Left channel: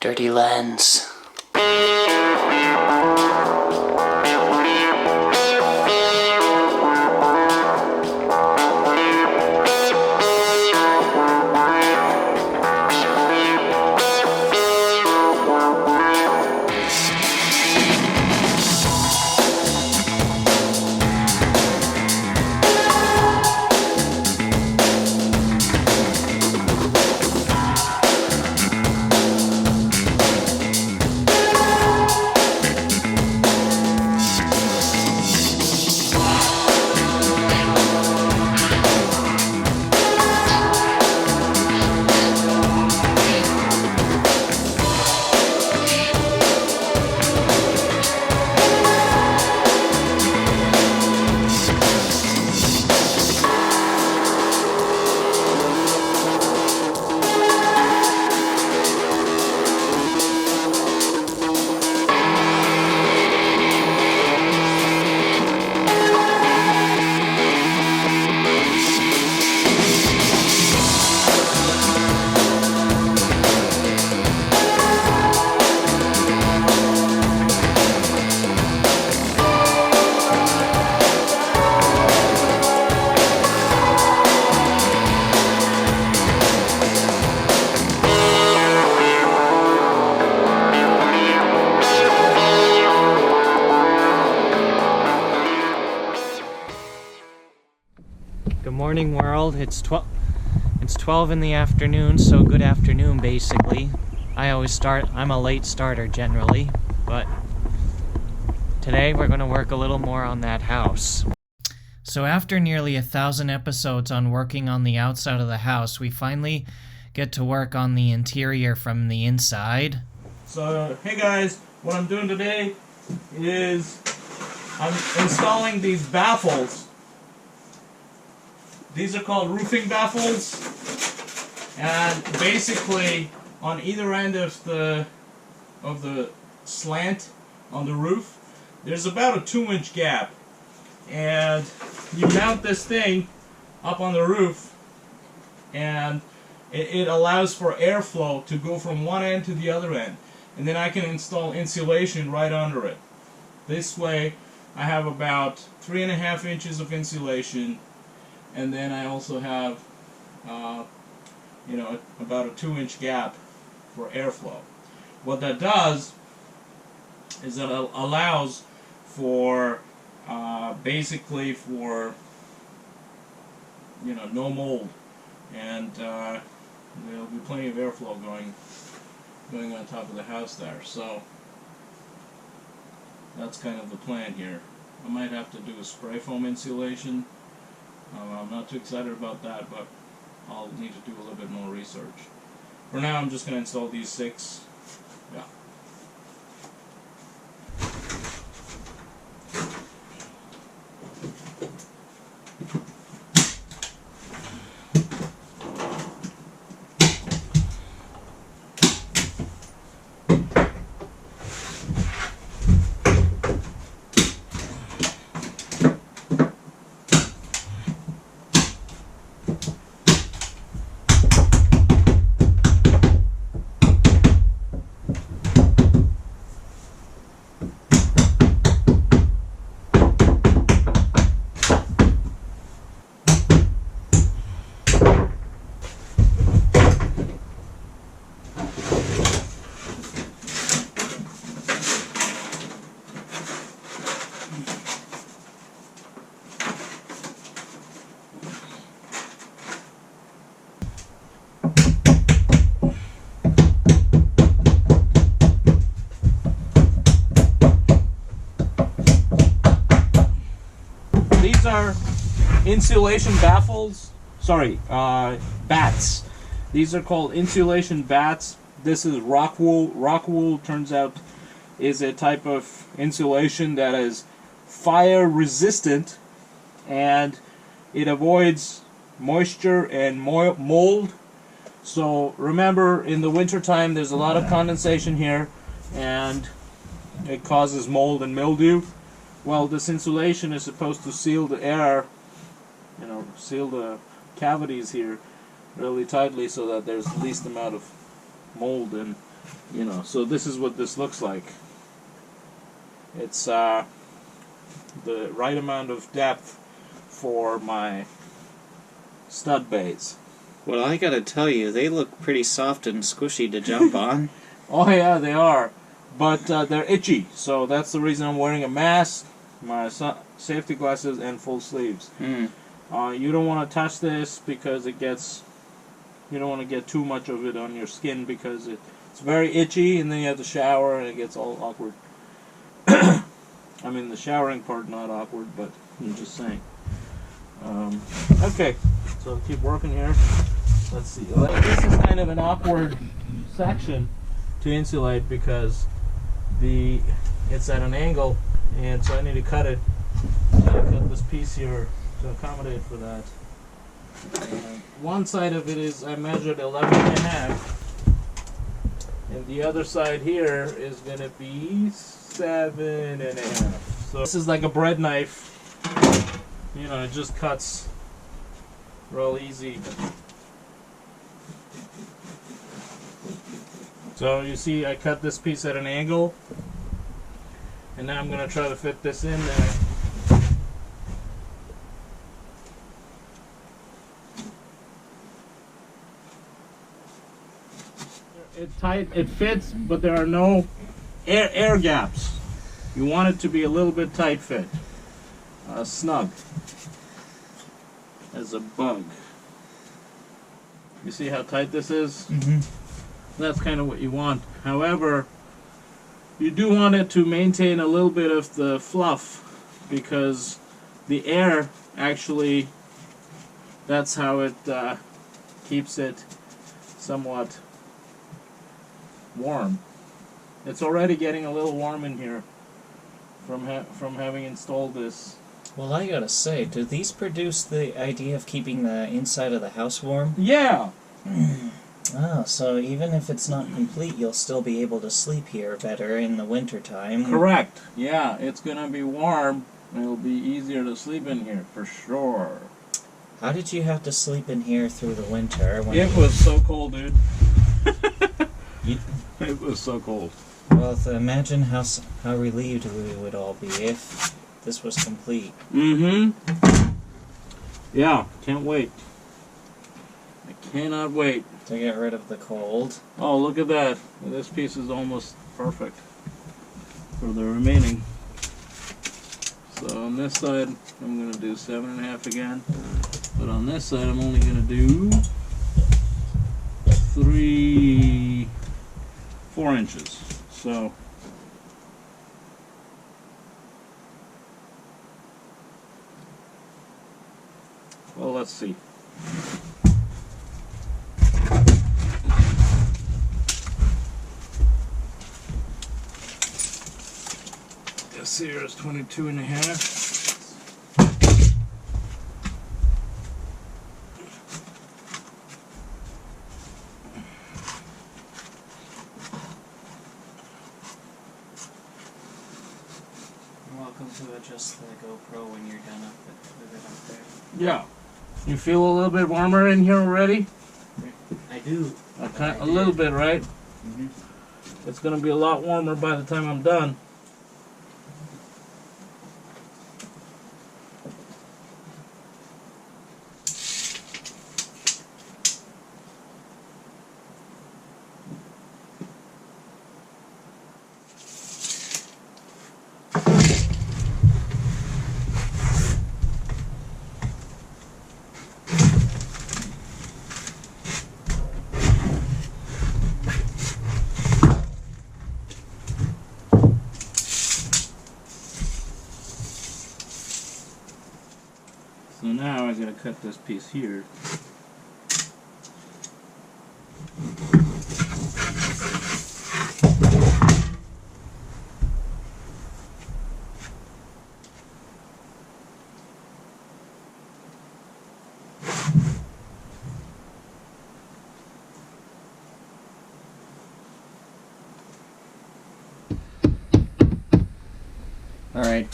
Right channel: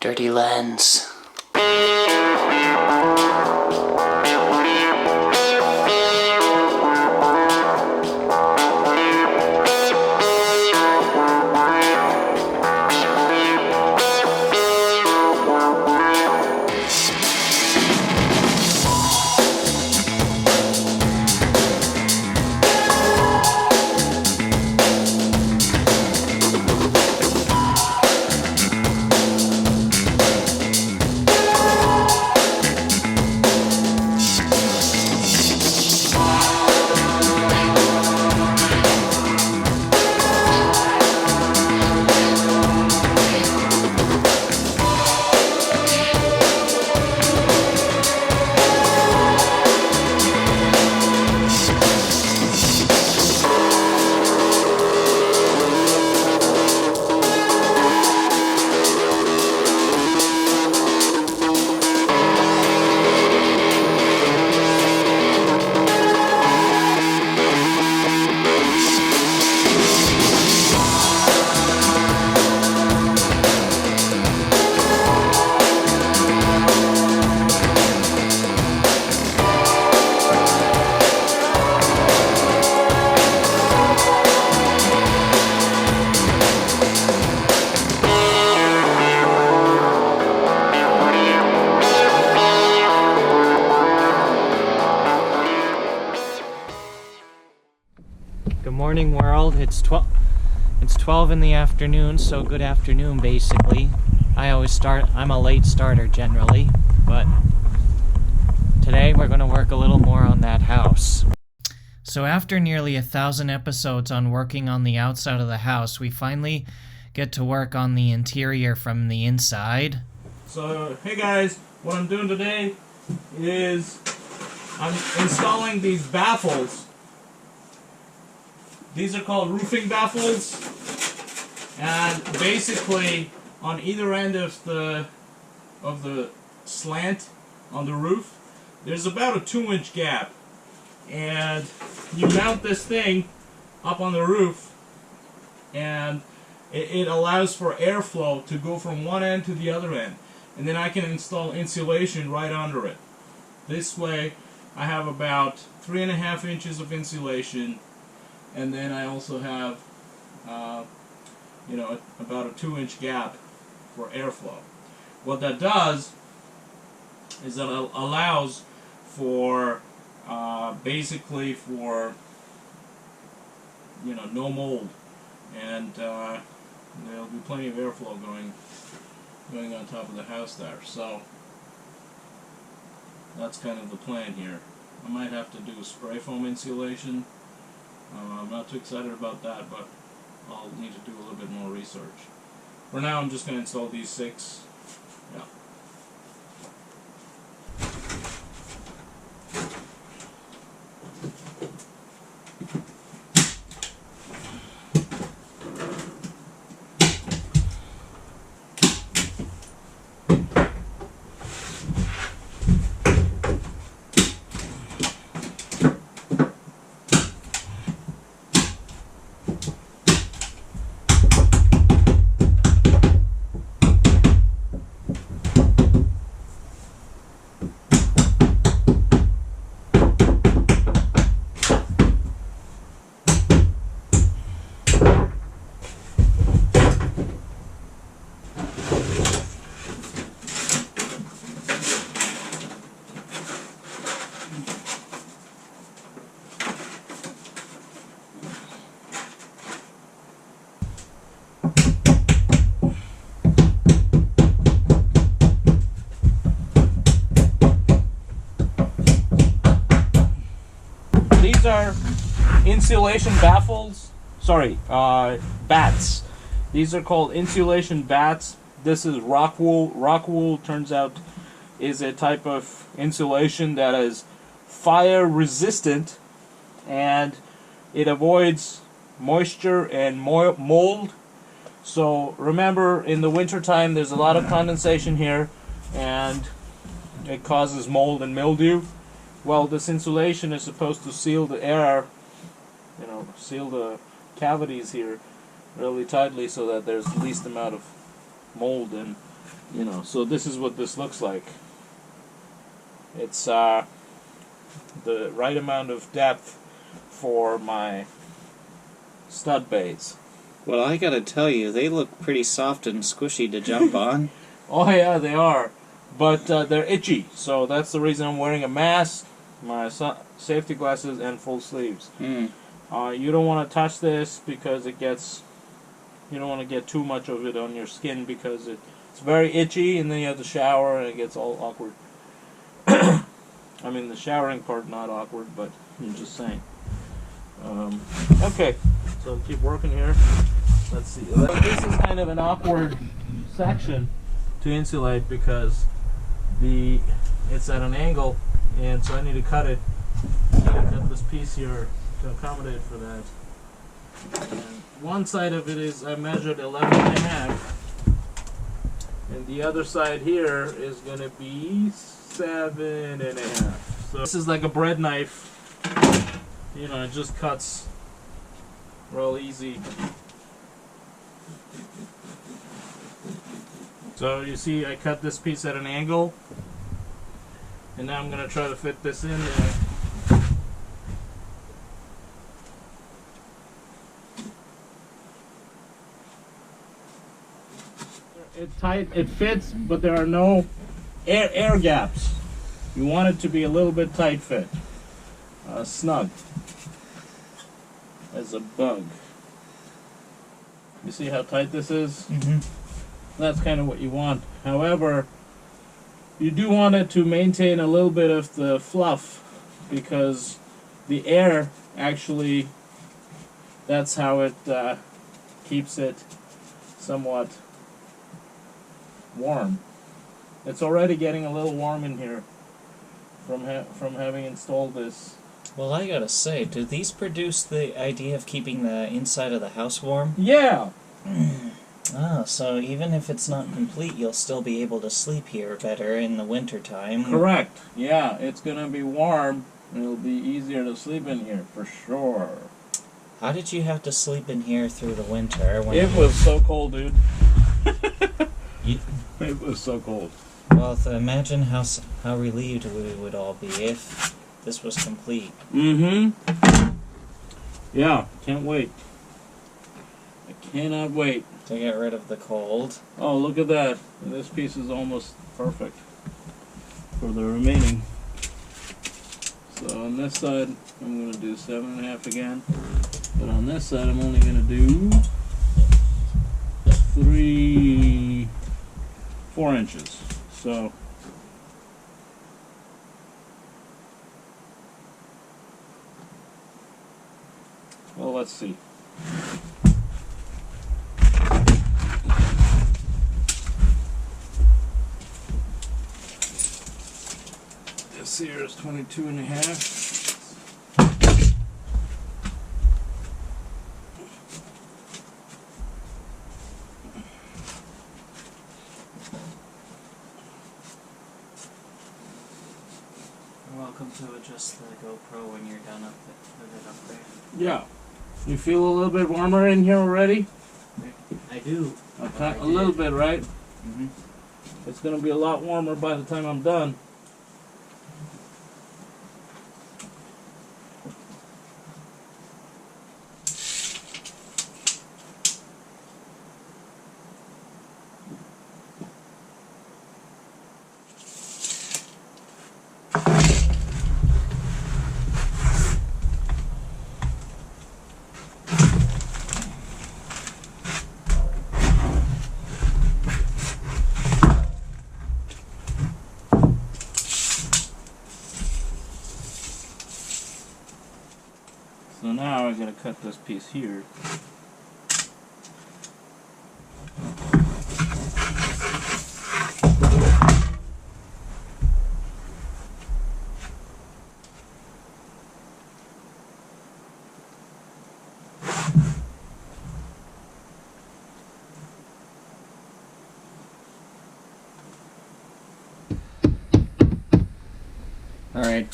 Dirty lens. Good morning, world. It's 12 in the afternoon, so good afternoon, basically. I'm a late starter generally, but today we're going to work a little more on that house. So after nearly 1,000 episodes on working on the outside of the house, we finally get to work on the interior from the inside. So, hey guys, what I'm doing today is I'm installing these baffles. These are called roofing baffles, and basically on either end of the slant on the roof, there's about a 2-inch gap, and you mount this thing up on the roof, and it allows for airflow to go from one end to the other end, and then I can install insulation right under it. This way I have about 3.5 inches of insulation. And then I also have, about a 2-inch gap for airflow. What that does is that it allows for, basically for, no mold, and there'll be plenty of airflow going on top of the house there. So that's kind of the plan here. I might have to do a spray foam insulation. I'm not too excited about that, but I'll need to do a little bit more research. For now, I'm just going to install these 6. Yeah. These are insulation baffles. Sorry, bats. These are called insulation bats. This is Rockwool. Rockwool, turns out, is a type of insulation that is fire resistant, and it avoids moisture and mold. So remember, in the wintertime there's a lot of condensation here, and it causes mold and mildew. Well, this insulation is supposed to seal the air, seal the cavities here really tightly so that there's the least amount of mold and You know, so this is what this looks like. It's the right amount of depth for my stud bays. Well, I gotta tell you, they look pretty soft and squishy to jump on. Oh yeah, they are, but they're itchy, so that's the reason I'm wearing a mask, my safety glasses, and full sleeves. Mm. You don't want to touch this because it gets, you don't want to get too much of it on your skin because it's very itchy, and then you have to shower and it gets all awkward. I mean, the showering part not awkward, but I'm just saying. Okay, so keep working here. Let's see. This is kind of an awkward section to insulate because it's at an angle, and so I need to cut it. I need to cut this piece here to accommodate for that. And one side of it is I measured 11.5, and the other side here is going to be 7.5. So this is like a bread knife. You know, it just cuts real easy. So you see I cut this piece at an angle, and now I'm going to try to fit this in there. It fits, but there are no air gaps. You want it to be a little bit tight fit, snug as a bug. You see how tight this is? Mm-hmm. That's kind of what you want. However, you do want it to maintain a little bit of the fluff because the air actually, that's how it keeps it somewhat warm. It's already getting a little warm in here from having installed this. Well, I gotta say, do these produce the idea of keeping the inside of the house warm? Yeah! Oh, so even if it's not complete, you'll still be able to sleep here better in the wintertime. Correct. Yeah, it's gonna be warm, and it'll be easier to sleep in here, for sure. How did you have to sleep in here through the winter? When It was so cold, dude. You, It was so cold. well, imagine how relieved we would all be if this was complete. Mm-hmm. Yeah, can't wait. I cannot wait. To get rid of the cold. Oh, look at that. This piece is almost perfect for the remaining. So on this side, I'm going to do 7.5 again. But on this side, I'm only going to do 4 inches. So well, let's see. This here is 22.5. You're welcome to adjust the GoPro when you're done with it up there. Yeah. You feel a little bit warmer in here already? I do. Okay, a little bit, right? Mm-hmm. It's going to be a lot warmer by the time I'm done. So now I gotta cut this piece here. Alright,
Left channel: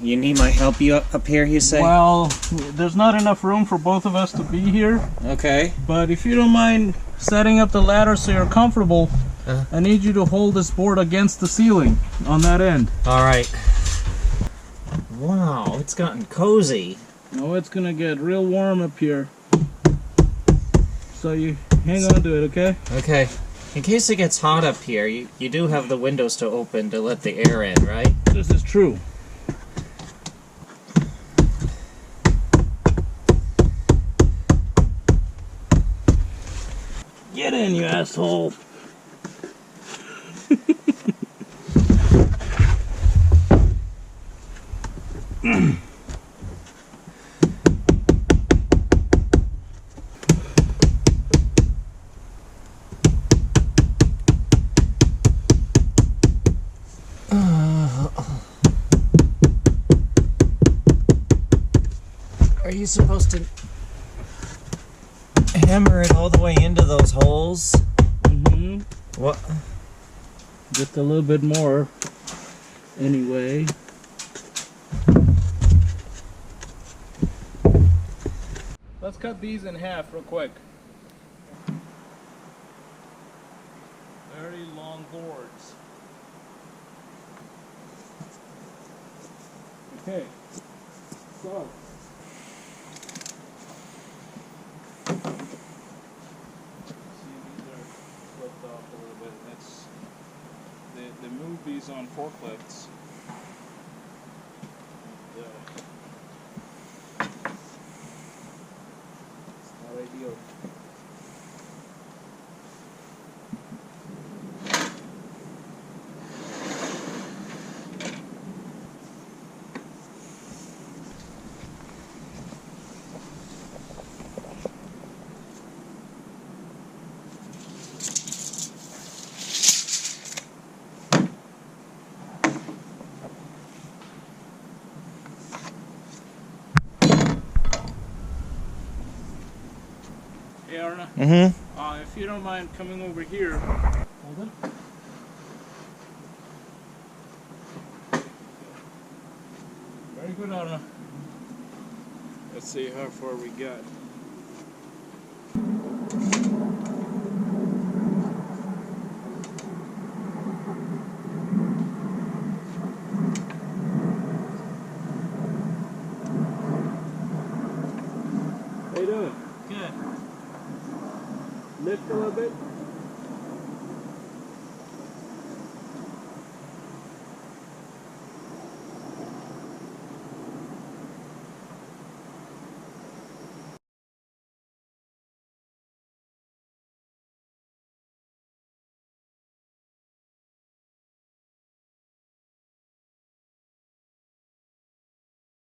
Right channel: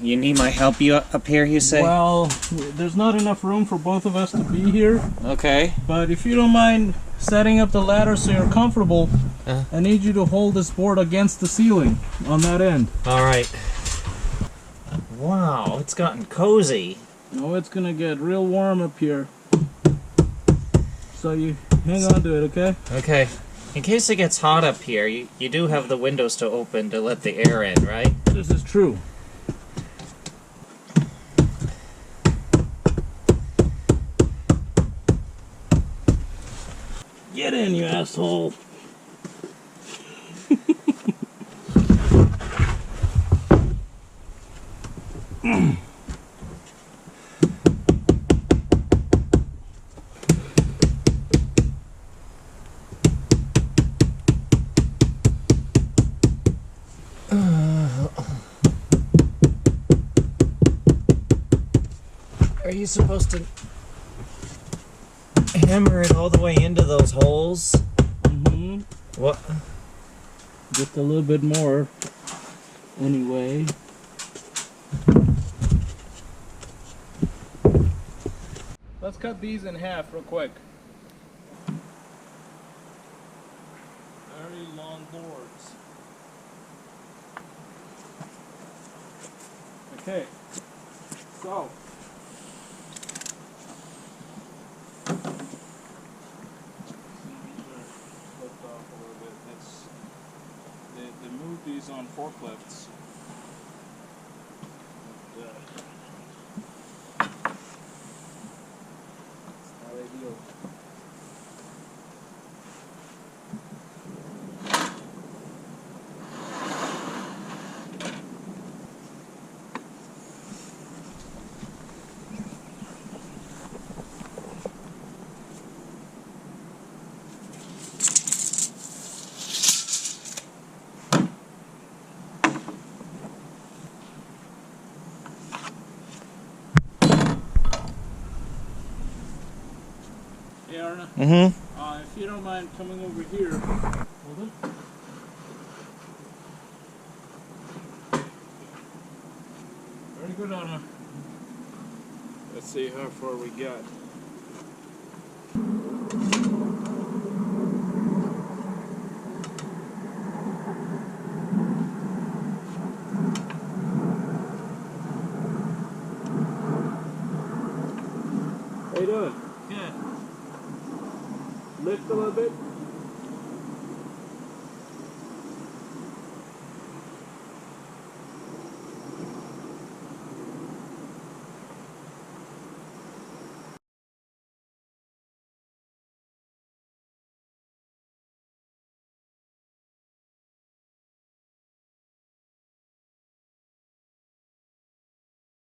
you need my help up here, you say? Well, there's not enough room for both of us to be here, Okay. but if you don't mind setting up the ladder so you're comfortable, I need you to hold this board against the ceiling on that end. Alright. Wow, it's gotten cozy. Oh, it's gonna get real warm up here. So you hang on to it, okay? Okay. In case it gets hot up here, you do have the windows to open to let the air in, right? This is true. Get in, you asshole. Are you supposed to hammer it all the way into those holes? Mm-hmm. What? Just a little bit more. Anyway. Let's cut these in half real quick. Very long boards. Okay. So. Flipped off a little bit. They move these on forklifts. And, it's not ideal. Hey Arna, if you don't mind coming over here, hold it. Very good, Arna. Let's see how far we got. How you doing? Good. Lift a little bit.